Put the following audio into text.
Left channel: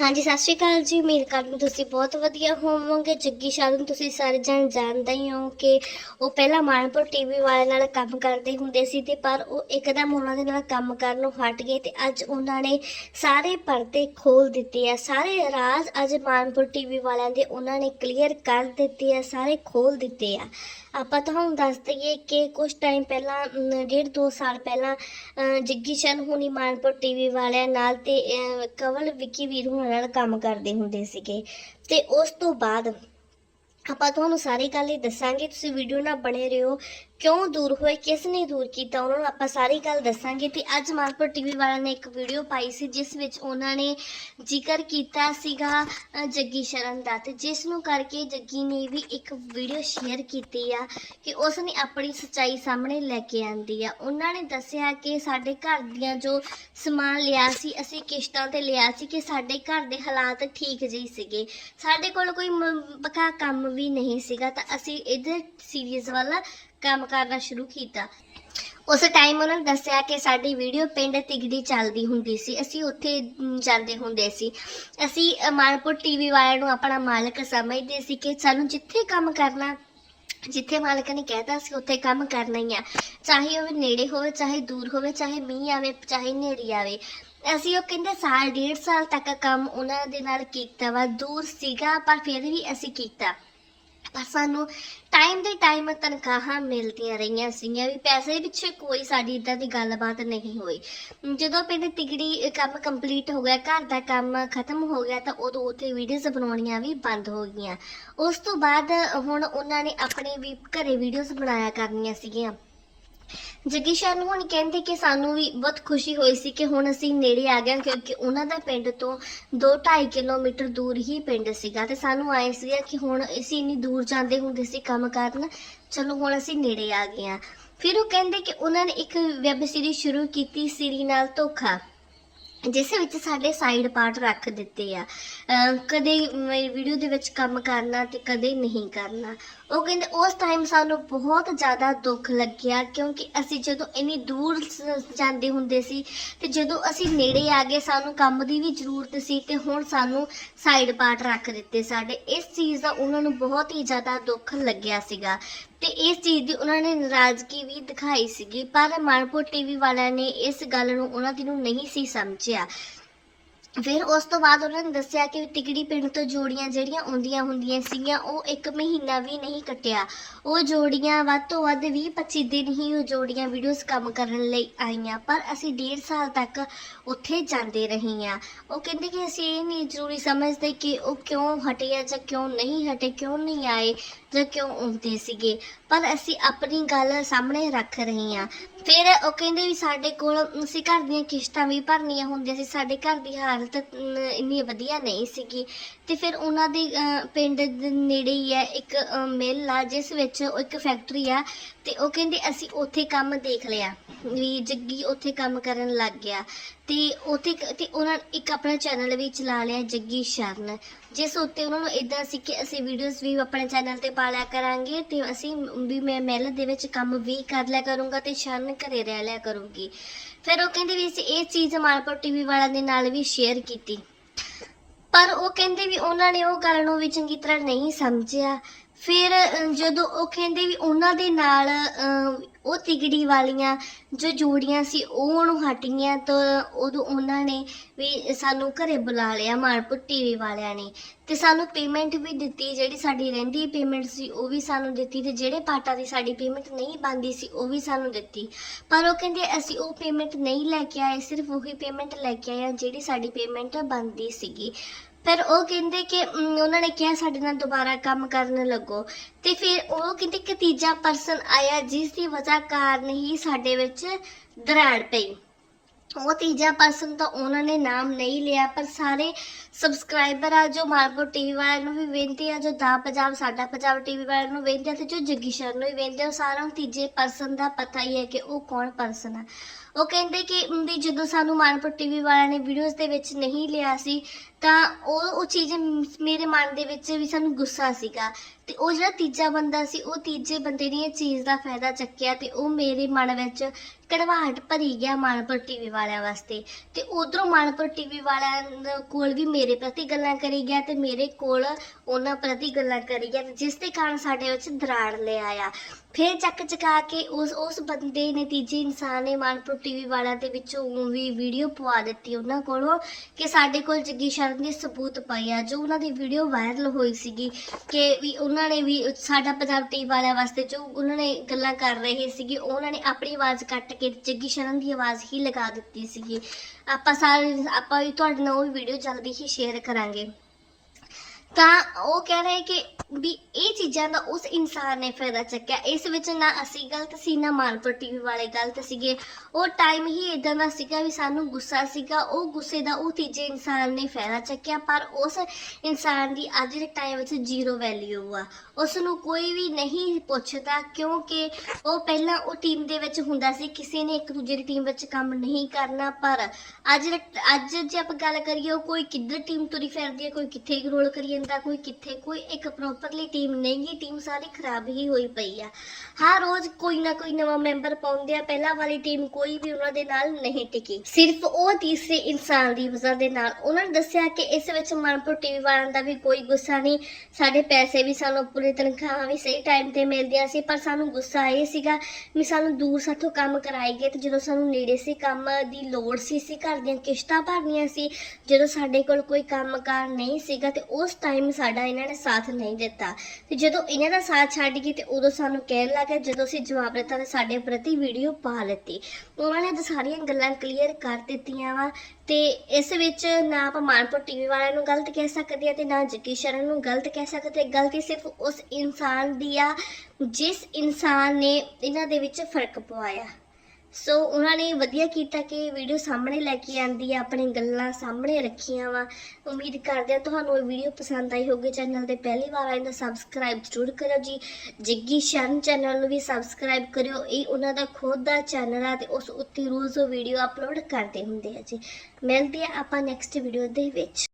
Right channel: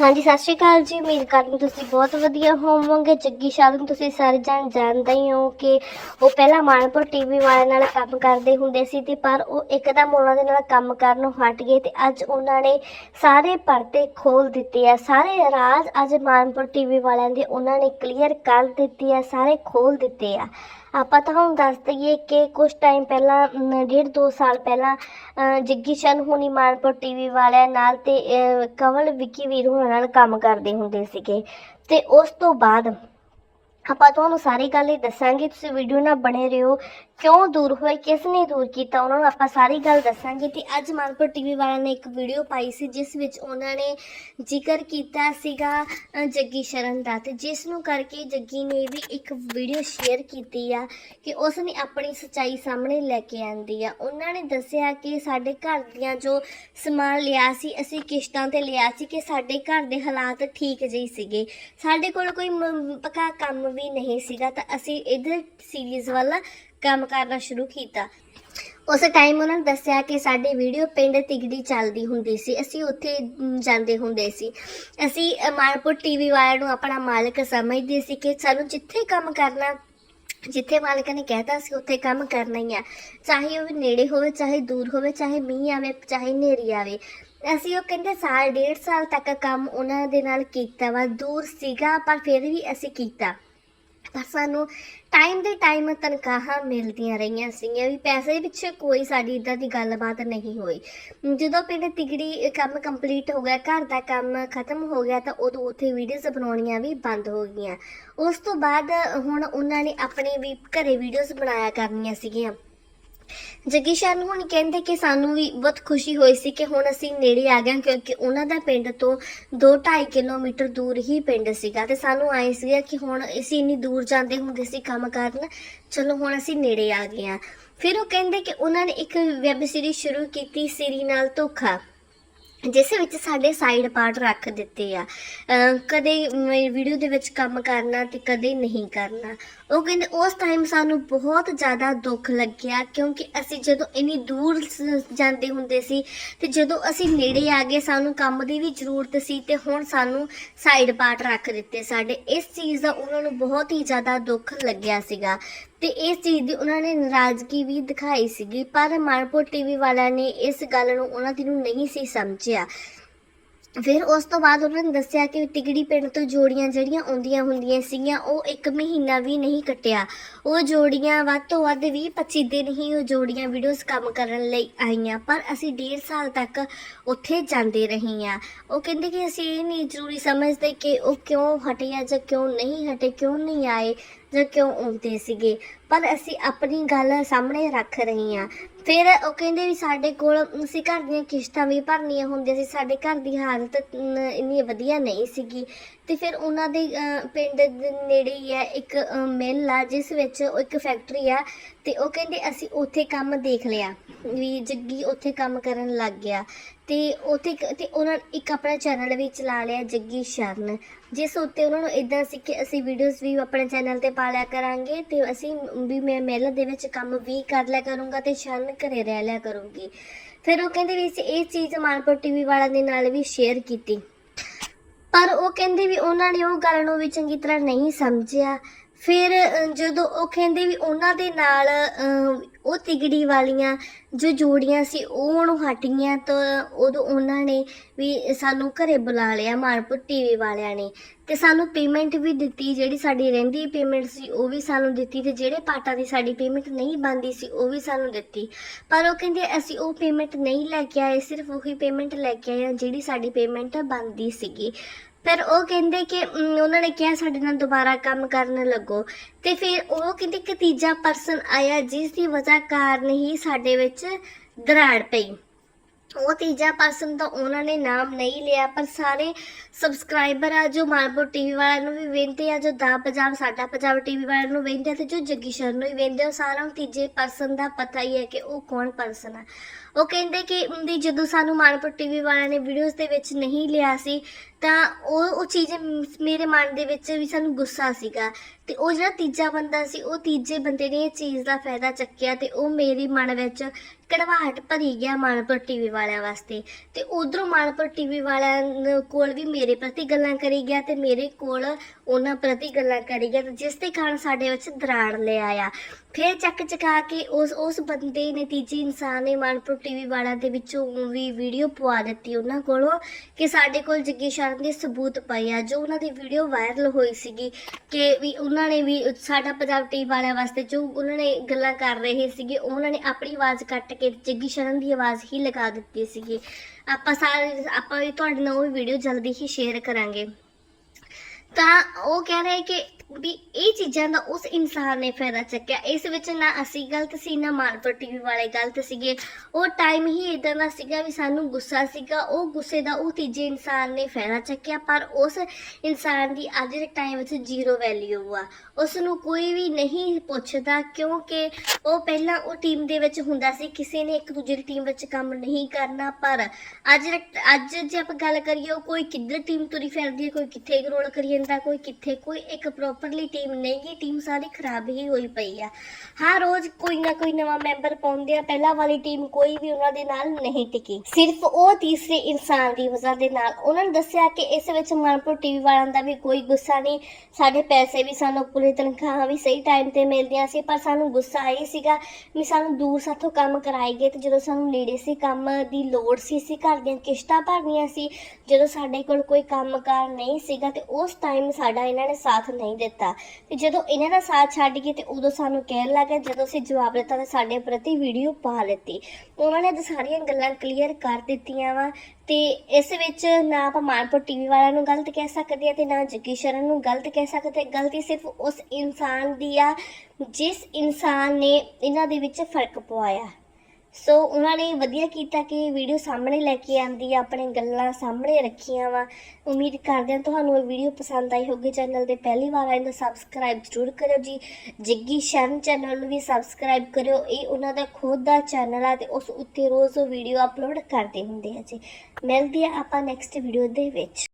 ਹਾਂਜੀ, ਸਤਿ ਸ਼੍ਰੀ ਅਕਾਲ ਜੀ। ਉਮੀਦ ਕਰਦੀ ਤੁਸੀਂ ਬਹੁਤ ਵਧੀਆ ਹੋਵੋਗੇ। ਜੱਗੀ ਸ਼ਾਹ ਨੂੰ ਤੁਸੀਂ ਸਾਰੇ ਜਣ ਜਾਣਦੇ ਹੀ ਹੋ ਕਿ ਉਹ ਪਹਿਲਾਂ ਮਾਨਪੁਰ ਟੀਵੀ ਵਾਲਿਆਂ ਨਾਲ ਕੰਮ ਕਰਦੇ ਹੁੰਦੇ ਸੀ ਤੇ ਪਰ ਉਹ ਇੱਕਦਮ ਉਹਨਾਂ ਦੇ ਨਾਲ ਕੰਮ ਕਰਨੋਂ ਹਟ ਗਏ ਤੇ ਅੱਜ ਉਹਨਾਂ ਨੇ ਸਾਰੇ ਪਰਦੇ ਖੋਲ ਦਿੱਤੇ ਆ। ਸਾਰੇ ਰਾਜ਼ ਅੱਜ ਮਾਨਪੁਰ ਟੀਵੀ ਵਾਲਿਆਂ ਦੇ ਉਹਨਾਂ ਨੇ ਕਲੀਅਰ ਕਰ ਦਿੱਤੇ ਆ, ਸਾਰੇ ਖੋਲ ਦਿੱਤੇ ਆ। ਆਪਾਂ ਤੁਹਾਨੂੰ ਦੱਸ ਦਈਏ ਕਿ ਕੁਝ ਟਾਈਮ ਪਹਿਲਾਂ ਅਮ, ਡੇਢ ਦੋ ਸਾਲ ਪਹਿਲਾਂ ਅ, ਜੱਗੀ ਸ਼ਰਨ ਹੁਣੀ ਮਾਨਪੁਰ ਟੀਵੀ ਵਾਲਿਆਂ ਨਾਲ ਤੇ ਅ, ਕਵਲ ਵਿੱਕੀ ਵੀਰ ਹੁਣਾਂ ਨਾਲ ਕੰਮ ਕਰਦੇ ਹੁੰਦੇ ਸੀਗੇ। ਤੇ ਉਸ ਤੋਂ ਬਾਅਦ ਆਪਾਂ ਤੁਹਾਨੂੰ ਸਾਰੀ ਗੱਲ ਹੀ ਦੱਸਾਂਗੇ। ਤੁਸੀਂ ਵੀਡੀਓ ਨਾਲ ਬਣੇ ਰਹੋ। ਕਿਉਂ ਦੂਰ ਹੋਏ ਕਿਸ ਨੇ ਦੂਰ ਕੀਤਾ ਉਹਨਾਂ ਨੂੰ ਆਪਾਂ ਸਾਰੀ ਗੱਲ ਦੱਸਾਂਗੇ ਤੇ ਅੱਜ ਮਾਨਪੁਰ ਟੀਵੀ ਵਾਲਿਆਂ ਨੇ ਇੱਕ ਵੀਡੀਓ ਪਾਈ ਸੀ ਜਿਸ ਵਿੱਚ ਉਹਨਾਂ ਨੇ ਜ਼ਿਕਰ ਕੀਤਾ ਸੀਗਾ ਅ, ਜੱਗੀ ਸ਼ਰਨ ਦਾ ਤੇ ਜਿਸ ਨੂੰ ਕਰਕੇ ਜੱਗੀ ਨੇ ਵੀ ਇੱਕ ਵੀਡੀਓ ਸ਼ੇਅਰ ਕੀਤੀ ਆ ਕਿ ਉਸ ਨੇ ਆਪਣੀ ਸੱਚਾਈ ਸਾਹਮਣੇ ਲੈ ਕੇ ਆਂਦੀ ਆ। ਉਹਨਾਂ ਨੇ ਦੱਸਿਆ ਕਿ ਸਾਡੇ ਘਰ ਦੀਆਂ ਜੋ ਸਮਾਨ ਲਿਆ ਸੀ ਅਸੀਂ ਕਿਸ਼ਤਾਂ ਤੇ ਲਿਆ ਸੀ ਕਿ ਸਾਡੇ ਘਰ ਦੇ ਹਾਲਾਤ ਠੀਕ ਜਿਹੇ ਸੀਗੇ। ਸਾਡੇ ਕੋਲ ਕੋਈ ਮ- ਪੱਕਾ ਕੰਮ ਵੀ ਨਹੀਂ ਸੀਗਾ ਤਾਂ ਅਸੀਂ ਇਧਰ ਸੀਰੀਜ਼ ਵੱਲ ਕੰਮ ਕਰਨਾ ਸ਼ੁਰੂ ਕੀਤਾ। ਉਸ ਟਾਈਮ ਉਹਨਾਂ ਨੇ ਦੱਸਿਆ ਕਿ ਸਾਡੀ ਵੀਡੀਓ ਪਿੰਡ ਤਿਗੜੀ ਚੱਲਦੀ ਹੁੰਦੀ ਸੀ। ਅਸੀਂ ਉੱਥੇ ਜਾਂਦੇ ਹੁੰਦੇ ਸੀ। ਅਸੀਂ ਅ, ਮਾਨਪੁਰ ਟੀਵੀ ਵਾਲਿਆਂ ਨੂੰ ਆਪਣਾ ਮਾਲਕ ਸਮਝਦੇ ਸੀ ਕਿ ਸਾਨੂੰ ਜਿੱਥੇ ਕੰਮ ਕਰਨਾ ਜਿੱਥੇ ਮਾਲਕ ਨੇ ਕਹਿਤਾ ਸੀ ਉੱਥੇ ਕੰਮ ਕਰਨਾ ਹੀ ਆ। ਚਾਹੇ ਉਹ ਨੇੜੇ ਹੋਵੇ ਚਾਹੇ ਦੂਰ ਹੋਵੇ ਚਾਹੇ ਮੀਂਹ ਆਵੇ ਚਾਹੇ ਹਨੇਰੀ ਆਵੇ। ਅਸੀਂ ਉਹ ਕਹਿੰਦੇ ਸਾਲ ਡੇਢ ਸਾਲ ਤੱਕ ਕੰਮ ਉਹਨਾਂ ਦੇ ਨਾਲ ਕੀਤਾ ਵਾ। ਦੂਰ ਸੀਗਾ ਪਰ ਫਿਰ ਵੀ ਅਸੀਂ ਕੀਤਾ। ਪਰ ਸਾਨੂੰ ਟਾਈਮ ਦੇ ਟਾਈਮ ਤਨਖਾਹਾਂ ਮਿਲਦੀਆਂ ਰਹੀਆਂ ਸੀਗੀਆਂ ਵੀ ਪੈਸੇ ਪਿੱਛੇ ਕੋਈ ਸਾਡੀ ਇਦਾਂ ਦੀ ਗੱਲਬਾਤ ਨਹੀਂ ਹੋਈ। ਜਦੋਂ ਪਿੰਡ ਤਿਗੜੀ ਕੰਮ ਕੰਪਲੀਟ ਹੋ ਗਿਆ, ਘਰ ਦਾ ਕੰਮ ਖਤਮ ਹੋ ਗਿਆ ਤਾਂ ਉਦੋਂ ਉੱਥੇ ਵੀਡੀਓਜ਼ ਬਣਾਉਣੀਆਂ ਵੀ ਬੰਦ ਹੋ ਗਈਆਂ। ਉਸ ਤੋਂ ਬਾਅਦ ਹੁਣ ਉਹਨਾਂ ਨੇ ਆਪਣੇ ਵੀ ਘਰੇ ਵੀਡੀਓਜ਼ ਬਣਾਇਆ ਕਰਨੀਆਂ ਸੀਗੀਆਂ। ਜੱਗੀ ਸ਼ਾਹ ਨੂੰ ਹੁਣ ਕਹਿੰਦੇ ਕਿ ਸਾਨੂੰ ਵੀ ਬਹੁਤ ਖੁਸ਼ੀ ਹੋਈ ਸੀ ਕਿ ਹੁਣ ਅਸੀਂ ਨੇੜੇ ਆ ਗਏ ਕਿਉਂਕਿ ਉਹਨਾਂ ਦਾ ਪਿੰਡ ਤੋਂ 2-2.5 ਕਿਲੋਮੀਟਰ ਦੂਰ ਹੀ ਪਿੰਡ ਸੀਗਾ ਤੇ ਸਾਨੂੰ ਆਏ ਸੀਗਾ ਕਿ ਹੁਣ ਅਸੀਂ ਇੰਨੀ ਦੂਰ ਜਾਂਦੇ ਹੁੰਦੇ ਸੀ ਕੰਮ ਕਰਨ। ਚਲੋ ਹੁਣ ਅਸੀਂ ਨੇੜੇ ਆ ਗਏ ਹਾਂ। ਫਿਰ ਉਹ ਕਹਿੰਦੇ ਕਿ ਉਹਨਾਂ ਨੇ ਇੱਕ ਵੈਬ ਸੀਰੀਜ਼ ਸ਼ੁਰੂ ਕੀਤੀ, ਸਿਰੀ ਨਾਲ ਧੋਖਾ। ਜਿਸ ਵਿੱਚ ਸਾਡੇ ਸਾਈਡ ਪਾਰਟ ਰੱਖ ਦਿੱਤੇ ਆ। ਕਦੇ ਵੀਡੀਓ ਦੇ ਵਿੱਚ ਕੰਮ ਕਰਨਾ ਤੇ ਕਦੇ ਨਹੀਂ ਕਰਨਾ। ਉਹ ਕਹਿੰਦੇ, ਉਸ ਟਾਈਮ ਸਾਨੂੰ ਬਹੁਤ ਜ਼ਿਆਦਾ ਦੁੱਖ ਲੱਗਿਆ ਕਿਉਂਕਿ ਅਸੀਂ ਜਦੋਂ ਇੰਨੀ ਦੂਰ ਜਾਂਦੇ ਹੁੰਦੇ ਸੀ ਤੇ ਜਦੋਂ ਅਸੀਂ ਨੇੜੇ ਆ ਗਏ, ਸਾਨੂੰ ਕੰਮ ਦੀ ਵੀ ਜ਼ਰੂਰਤ ਸੀ ਤੇ ਹੁਣ ਸਾਨੂੰ ਸਾਈਡ ਪਾਰਟ ਰੱਖ ਦਿੱਤੇ ਸਾਡੇ। ਇਸ ਚੀਜ਼ ਦਾ ਉਹਨਾਂ ਨੂੰ ਬਹੁਤ ਹੀ ਜ਼ਿਆਦਾ ਦੁੱਖ ਲੱਗਿਆ ਸੀਗਾ। ਤੇ ਇਸ ਚੀਜ਼ ਦੀ ਉਹਨਾਂ ਨੇ ਨਾਰਾਜ਼ਗੀ ਵੀ ਦਿਖਾਈ ਸੀਗੀ, ਪਰ ਮਾਨਪੁਰ ਟੀਵੀ ਵਾਲਿਆਂ ਨੇ ਇਸ ਗੱਲ ਨੂੰ ਉਹਨਾਂ ਦੀ ਨੂੰ ਨਹੀਂ ਸੀ ਸਮਝਿਆ। ਫਿਰ ਉਸ ਤੋਂ ਬਾਅਦ ਉਹਨਾਂ ਨੇ ਦੱਸਿਆ ਕਿ ਤਿਗੜੀ ਪਿੰਡ ਤੋਂ ਜੋੜੀਆਂ ਜਿਹੜੀਆਂ ਆਉਂਦੀਆਂ ਹੁੰਦੀਆਂ ਸੀਗੀਆਂ, ਉਹ ਇੱਕ ਮਹੀਨਾ ਵੀ ਨਹੀਂ ਕੱਟਿਆ। ਉਹ ਜੋੜੀਆਂ ਵੱਧ ਤੋਂ ਵੱਧ 20 25 ਦਿਨ ਹੀ ਉਹ ਜੋੜੀਆਂ ਵੀਡੀਓਜ਼ ਕੰਮ ਕਰਨ ਲਈ ਆਈਆਂ, ਪਰ ਅਸੀਂ ਡੇਢ ਸਾਲ ਤੱਕ ਉੱਥੇ ਜਾਂਦੇ ਰਹੇ ਹਾਂ ਉਹ ਕਹਿੰਦੇ ਕਿ ਅਸੀਂ ਇਹ ਨਹੀਂ ਜ਼ਰੂਰੀ ਸਮਝਦੇ ਕਿ ਉਹ ਕਿਉਂ ਹਟੇ ਜਾਂ ਕਿਉਂ ਨਹੀਂ ਹਟੇ, ਕਿਉਂ ਨਹੀਂ ਆਏ। ਜਾਂ ਕਿਉਂ ਆਉਂਦੇ ਸੀਗੇ। ਪਰ ਅਸੀਂ ਆਪਣੀ ਗੱਲ ਸਾਹਮਣੇ ਰੱਖ ਰਹੇ ਹਾਂ। ਫਿਰ ਉਹ ਕਹਿੰਦੇ ਵੀ ਸਾਡੇ ਕੋਲ ਅਸੀਂ ਘਰ ਦੀਆਂ ਕਿਸ਼ਤਾਂ ਵੀ ਭਰਨੀਆਂ ਹੁੰਦੀਆਂ ਸੀ। ਸਾਡੇ ਘਰ ਦੀ ਹਾਲਤ ਇੰਨੀ ਵਧੀਆ ਨਹੀਂ ਸੀਗੀ। ਤੇ ਫਿਰ ਉਹਨਾਂ ਦੇ ਪਿੰਡ ਦੇ ਨੇੜੇ ਹੀ ਹੈ ਇੱਕ ਅਹ, ਮਿੱਲ ਆ ਜਿਸ ਵਿੱਚ ਉਹ ਇੱਕ ਫੈਕਟਰੀ ਆ। ਤੇ ਉਹ ਕਹਿੰਦੇ ਅਸੀਂ ਉੱਥੇ ਕੰਮ ਦੇਖ ਲਿਆ, ਵੀ ਜੱਗੀ ਉੱਥੇ ਕੰਮ ਕਰਨ ਲੱਗ ਗਿਆ। ਤੇ ਉੱਥੇ ਤੇ ਉਹਨਾਂ ਇੱਕ ਆਪਣਾ ਚੈਨਲ ਵੀ ਚਲਾ ਲਿਆ, ਜੱਗੀ ਸ਼ਰਨ। ਜਿਸ ਉੱਤੇ ਉਹਨਾਂ ਨੂੰ ਇਦਾਂ ਸੀ ਕਿ ਅਸੀਂ ਵੀਡੀਓਜ਼ ਵੀ ਆਪਣੇ ਚੈਨਲ ਤੇ ਪਾ ਲਿਆ ਕਰਾਂਗੇ ਤੇ ਅਸੀਂ ਵੀ ਮੈਂ ਮਿਲ ਦੇ ਵਿੱਚ ਕੰਮ ਵੀ ਕਰ ਲਿਆ ਕਰੂੰਗਾ ਤੇ ਸ਼ਰਨ ਘਰੇ ਰਹਿ ਲਿਆ ਕਰੂੰਗੀ। ਫਿਰ ਉਹ ਕਹਿੰਦੇ ਵੀ ਅਸੀਂ ਇਹ ਚੀਜ਼ ਮਾਲਪੁਰ ਟੀਵੀ ਵਾਲਿਆਂ ਦੇ ਨਾਲ ਵੀ ਸ਼ੇਅਰ ਕੀਤੀ। ਪਰ ਉਹ ਕਹਿੰਦੇ ਵੀ ਉਹਨਾਂ ਨੇ ਉਹ ਗੱਲ ਨੂੰ ਵੀ ਚੰਗੀ ਤਰ੍ਹਾਂ ਨਹੀਂ ਸਮਝਿਆ। ਫਿਰ ਜਦੋਂ ਉਹ ਕਹਿੰਦੇ ਵੀ ਉਹਨਾਂ ਦੇ ਨਾਲ ਉਹ ਤਿਗੜੀ ਵਾਲੀਆਂ ਜੋ ਜੋੜੀਆਂ ਸੀ, ਉਹ ਉਹਨੂੰ ਹਟ ਗਈਆਂ ਤਾਂ ਉਦੋਂ ਉਹਨਾਂ ਨੇ ਵੀ ਸਾਨੂੰ ਘਰੇ ਬੁਲਾ ਲਿਆ, ਮਾਨਪੁਰ ਟੀਵੀ ਵਾਲਿਆਂ ਨੇ। ਤੇ ਸਾਨੂੰ ਪੇਮੈਂਟ ਵੀ ਦਿੱਤੀ, ਜਿਹੜੀ ਸਾਡੀ ਰਹਿੰਦੀ ਪੇਮੈਂਟ ਸੀ, ਉਹ ਵੀ ਸਾਨੂੰ ਦਿੱਤੀ ਤੇ ਜਿਹੜੇ ਪਾਟਾਂ ਦੀ ਸਾਡੀ ਪੇਮੈਂਟ ਨਹੀਂ ਬੰਦੀ ਸੀ, ਉਹ ਵੀ ਸਾਨੂੰ ਦਿੱਤੀ। ਪਰ ਉਹ ਕਹਿੰਦੇ, ਅਸੀਂ ਉਹ ਪੇਮੈਂਟ ਨਹੀਂ ਲੈ ਕੇ ਆਏ, ਸਿਰਫ ਉਹੀ ਪੇਮੈਂਟ ਲੈ ਕੇ ਆਏ ਹਾਂ, ਜਿਹੜੀ ਸਾਡੀ ਪੇਮੈਂਟ ਬੰਦੀ ਸੀਗੀ। ਫਿਰ ਉਹ ਕਹਿੰਦੇ ਕਿ ਅਮ, ਉਹਨਾਂ ਨੇ ਕਿਹਾ ਸਾਡੇ ਨਾਲ ਦੁਬਾਰਾ ਕੰਮ ਕਰਨ ਲੱਗੋ। ਤੇ ਫਿਰ ਉਹ ਕਹਿੰਦੇ ਕਿ ਤੀਜਾ ਪਰਸਨ ਆਇਆ ਜਿਸ ਦੀ ਵਜ੍ਹਾ ਕਾਰਨ ਹੀ ਸਾਡੇ ਵਿੱਚ ਦਰਾੜ ਪਈ। ਉਹ ਤੀਜਾ ਪਰਸਨ ਤਾਂ ਉਹਨਾਂ ਨੇ ਨਾਮ ਨਹੀਂ ਲਿਆ ਪਰ ਸਾਰੇ ਸਬਸਕ੍ਰਾਈਬਰ ਆ ਜੋ ਮਾਲਪੁਰ ਟੀਵੀ ਵਾਲਿਆਂ ਨੂੰ ਵੀ ਵੇਖਦੇ ਆ ਜੋ ਦਾ ਪੰਜਾਬ ਸਾਡਾ ਪੰਜਾਬ ਟੀਵੀ ਵਾਲਿਆਂ ਨੂੰ ਵੇਖਦੇ ਆ ਤੇ ਜੋ ਜੱਗੀ ਸ਼ਰਨ ਨੂੰ ਵੀ ਵੇਖਦੇ ਆ ਉਹ ਸਾਰਿਆਂ ਨੂੰ ਤੀਜੇ ਪਰਸਨ ਦਾ ਪਤਾ ਹੀ ਹੈ ਕਿ ਉਹ ਕੌਣ ਪਰਸਨ ਆ। ਉਹ ਕਹਿੰਦੇ ਕਿ ਉਹਦੀ ਜਦੋਂ ਸਾਨੂੰ ਮਾਨਪੁਰ ਟੀਵੀ ਵਾਲਿਆਂ ਨੇ ਵੀਡੀਓਜ਼ ਦੇ ਵਿੱਚ ਨਹੀਂ ਲਿਆ ਸੀ, ਤਾਂ ਉਹ ਉਹ ਚੀਜ਼ ਮੇਰੇ ਮਨ ਦੇ ਵਿੱਚ ਵੀ ਸਾਨੂੰ ਗੁੱਸਾ ਸੀਗਾ। ਤੇ ਉਹ ਜਿਹੜਾ ਤੀਜਾ ਬੰਦਾ ਸੀ, ਉਹ ਤੀਜੇ ਬੰਦੇ ਨੇ ਇਹ ਚੀਜ਼ ਦਾ ਫਾਇਦਾ ਚੱਕਿਆ ਤੇ ਉਹ ਮੇਰੇ ਮਨ ਵਿੱਚ ਕੜਵਾਹਟ ਭਰੀ ਗਿਆ ਮਾਨਪੁਰ ਟੀਵੀ ਵਾਲਿਆਂ ਵਾਸਤੇ। ਤੇ ਉਧਰੋਂ ਮਾਨਪੁਰ ਟੀਵੀ ਵਾਲਿਆਂ ਕੋਲ ਵੀ ਮੇਰੇ ਪ੍ਰਤੀ ਗੱਲਾਂ ਕਰੀ ਗਿਆ ਤੇ ਮੇਰੇ ਕੋਲ ਉਹਨਾਂ ਪ੍ਰਤੀ ਗੱਲਾਂ ਕਰੀ ਗਿਆ ਤੇ ਜਿਸ ਦੇ ਕਾਰਨ ਸਾਡੇ ਵਿੱਚ ਦਰਾੜ ਲੈ ਆਇਆ। ਫਿਰ ਚੱਕ ਚਕਾ ਕੇ ਉਸ ਉਸ ਬੰਦੇ ਨੇ, ਤੀਜੇ ਇਨਸਾਨ ਨੇ ਮਾਨਪੁਰ ਟੀਵੀ ਵਾਲਿਆਂ ਦੇ ਵਿੱਚੋਂ ਵੀ ਵੀਡੀਓ ਪਵਾ ਦਿੱਤੀ ਉਹਨਾਂ ਕੋਲੋਂ ਕਿ ਸਾਡੇ ਕੋਲ ਜੱਗੀ ਸ਼ਰਨ ਦੇ ਸਬੂਤ ਪਏ ਆ, ਜੋ ਉਹਨਾਂ ਦੀ ਵੀਡੀਓ ਵਾਇਰਲ ਹੋਈ ਸੀਗੀ ਕਿ ਵੀ ਉਹਨਾਂ ਨੇ ਵੀ ਸਾਡਾ ਪੰਜਾਬ ਟੀਵੀ ਵਾਲਿਆਂ ਵਾਸਤੇ ਜੋ ਉਹਨਾਂ ਨੇ ਗੱਲਾਂ ਕਰ ਰਹੇ ਸੀਗੇ, ਉਹਨਾਂ ਨੇ ਆਪਣੀ ਆਵਾਜ਼ ਕੱਟ ਕੇ ਜੱਗੀ ਸ਼ਰਨ ਦੀ ਆਵਾਜ਼ ਹੀ ਲਗਾ ਦਿੱਤੀ ਸੀਗੀ। ਆਪਾਂ ਸਾਰੇ, ਆਪਾਂ ਵੀ ਤੁਹਾਡੇ ਨਾਲ ਉਹ ਵੀਡੀਓ ਜਲਦੀ ਹੀ ਸ਼ੇਅਰ ਕਰਾਂਗੇ। ਤਾਂ ਉਹ ਕਹਿ ਰਹੇ ਕਿ ਵੀ ਇਹ ਚੀਜ਼ਾਂ ਦਾ ਉਸ ਇਨਸਾਨ ਨੇ ਫਾਇਦਾ ਚੱਕਿਆ। ਇਸ ਵਿੱਚ ਨਾ ਅਸੀਂ ਗਲਤ ਸੀ, ਨਾ ਮਾਲਪੁਰ ਟੀਵੀ ਵਾਲੇ ਗਲਤ ਸੀਗੇ। ਉਹ ਟਾਈਮ ਹੀ ਇਦਾਂ ਦਾ ਸੀਗਾ ਵੀ ਸਾਨੂੰ ਗੁੱਸਾ ਸੀਗਾ। ਉਹ ਗੁੱਸੇ ਦਾ ਉਹ ਤੀਜੇ ਇਨਸਾਨ ਨੇ ਫਾਇਦਾ ਚੱਕਿਆ, ਪਰ ਉਸ ਇਨਸਾਨ ਦੀ ਅੱਜ ਦੇ ਟਾਈਮ ਵਿੱਚ ਜ਼ੀਰੋ ਵੈਲਿਊ ਆ। ਉਸ ਨੂੰ ਕੋਈ ਵੀ ਨਹੀਂ ਪੁੱਛਦਾ ਕਿਉਂਕਿ ਉਹ ਪਹਿਲਾਂ ਉਹ ਟੀਮ ਦੇ ਵਿੱਚ ਹੁੰਦਾ ਸੀ। ਕਿਸੇ ਨੇ ਇੱਕ ਦੂਜੇ ਦੀ ਟੀਮ ਵਿੱਚ ਕੰਮ ਨਹੀਂ ਕਰਨਾ, ਪਰ ਅੱਜ ਦੇ- ਅੱਜ ਜੇ ਆਪਾਂ ਗੱਲ ਕਰੀਏ, ਉਹ ਕੋਈ ਕਿੱਧਰ ਟੀਮ ਤੁਰੀ ਫਿਰਦੀ ਹੈ, ਕੋਈ ਕਿੱਥੇ ਰੋਲ ਕਰੀਏ ਜਾਂਦਾ ਕੋਈ ਕਿੱਥੇ, ਕੋਈ ਇੱਕ ਪ੍ਰੋਪਰਲੀ ਟੀਮ ਨਹੀਂ ਹੈ ਟੀਮ ਸਾਰੀ ਖਰਾਬ ਹੀ ਹੋਈ ਪਈ ਆ। ਹਰ ਰੋਜ਼ ਕੋਈ ਨਾ ਕੋਈ ਨਵਾਂ ਮੈਂਬਰ ਪਾਉਂਦੇ ਆ, ਪਹਿਲਾਂ ਵਾਲੀ ਟੀਮ ਕੋਈ ਵੀ ਉਹਨਾਂ ਦੇ ਨਾਲ ਨਹੀਂ ਟਿਕੀ। ਸਿਰਫ ਉਹ ਤੀਸਰੇ ਇਨਸਾਨ ਦੀ ਵਜ੍ਹਾ ਦੇ ਨਾਲ। ਉਹਨਾਂ ਨੇ ਦੱਸਿਆ ਕਿ ਇਸ ਵਿੱਚ ਮਨਪੁਰ ਟੀਵੀ ਵਾਲਿਆਂ ਦਾ ਵੀ ਕੋਈ ਗੁੱਸਾ ਨਹੀਂ। ਸਾਡੇ ਪੈਸੇ ਵੀ ਸਾਨੂੰ ਪੂਰੀ ਤਨਖਾਹਾਂ ਵੀ ਸਹੀ ਟਾਈਮ ਤੇ ਮਿਲਦੀਆਂ ਸੀ, ਪਰ ਸਾਨੂੰ ਗੁੱਸਾ ਇਹ ਸੀਗਾ ਵੀ ਸਾਨੂੰ ਦੂਰ ਸਾਥੋਂ ਕੰਮ ਕਰਾਈ ਗਏ ਤੇ ਜਦੋਂ ਸਾਨੂੰ ਨੇੜੇ ਸੀ, ਕੰਮ ਦੀ ਲੋੜ ਸੀ ਸੀ ਘਰ ਦੀਆਂ ਕਿਸ਼ਤਾਂ ਭਰਨੀਆਂ ਸੀ, ਜਦੋਂ ਸਾਡੇ ਕੋਲ ਕੋਈ ਕੰਮਕਾਰ ਨਹੀਂ ਸੀਗਾ ਤੇ ਉਸ ਟਾਈਮ ਸਾਡਾ ਇਹਨਾਂ ਨੇ ਸਾਥ ਨਹੀਂ ਦਿੱਤਾ। ਤੇ ਜਦੋਂ ਇਹਨਾਂ ਦਾ ਸਾਥ ਛੱਡ ਗਏ ਤੇ ਉਦੋਂ ਸਾਨੂੰ ਕਹਿਣ ਲੱਗਾ ਜਦੋਂ ਅਸੀਂ ਜਵਾਬ ਦਿੱਤਾ ਤੇ ਸਾਡੇ ਪ੍ਰਤੀ ਵੀਡੀਓ ਪਾ ਦਿੱਤੀ। ਉਹਨਾਂ ਨੇ ਤਾਂ ਸਾਰੀਆਂ ਗੱਲਾਂ ਕਲੀਅਰ ਕਰ ਦਿੱਤੀਆਂ ਵਾ ਤੇ ਇਸ ਵਿੱਚ ਨਾ ਆਪਾਂ ਮਾਨਪੁਰ ਟੀਵੀ ਵਾਲਿਆਂ ਨੂੰ ਗਲਤ ਕਹਿ ਸਕਦੇ ਆ ਤੇ ਨਾ ਜੱਗੀ ਸ਼ਰਨ ਨੂੰ ਗਲਤ ਕਹਿ ਸਕਦੇ। ਗਲਤੀ ਸਿਰਫ ਉਸ ਇਨਸਾਨ ਦੀ ਆ, ਜਿਸ ਇਨਸਾਨ ਨੇ ਇਹਨਾਂ ਦੇ ਵਿੱਚ ਫ਼ਰਕ ਪਵਾਇਆ। ਸੋ ਉਹਨਾਂ ਨੇ ਵਧੀਆ ਕੀਤਾ ਕਿ ਵੀਡੀਓ ਸਾਹਮਣੇ ਲੈ ਕੇ ਆਂਦੀ ਆ ਆਪਣੀ ਗੱਲਾਂ ਸਾਹਮਣੇ ਰੱਖੀਆਂ ਵਾ। ਉਮੀਦ ਕਰਦੇ ਹਾਂ ਤੁਹਾਨੂੰ ਇਹ ਵੀਡੀਓ ਪਸੰਦ ਆਈ ਹੋਗੀ ਚੈਨਲ ਤੇ ਪਹਿਲੀ ਵਾਰ ਆਏ ਤਾਂ ਸਬਸਕ੍ਰਾਈਬ ਜ਼ਰੂਰ ਕਰਿਓ ਜੀ। ਜਿੱਗੀ ਸ਼ਰਨ ਚੈਨਲ ਨੂੰ ਵੀ ਸਬਸਕ੍ਰਾਈਬ ਕਰਿਓ। ਇਹ ਉਹਨਾਂ ਦਾ ਖੁਦ ਦਾ ਚੈਨਲ ਆ ਤੇ ਉਸ ਉੱਤੇ ਰੋਜ਼ ਉਹ ਵੀਡੀਓ ਅਪਲੋਡ ਕਰਦੇ ਹੁੰਦੇ ਆ ਜੀ। ਮਿਲਦੀ ਆ ਆਪਾਂ ਨੈਕਸਟ ਵੀਡੀਓ ਦੇ ਵਿੱਚ।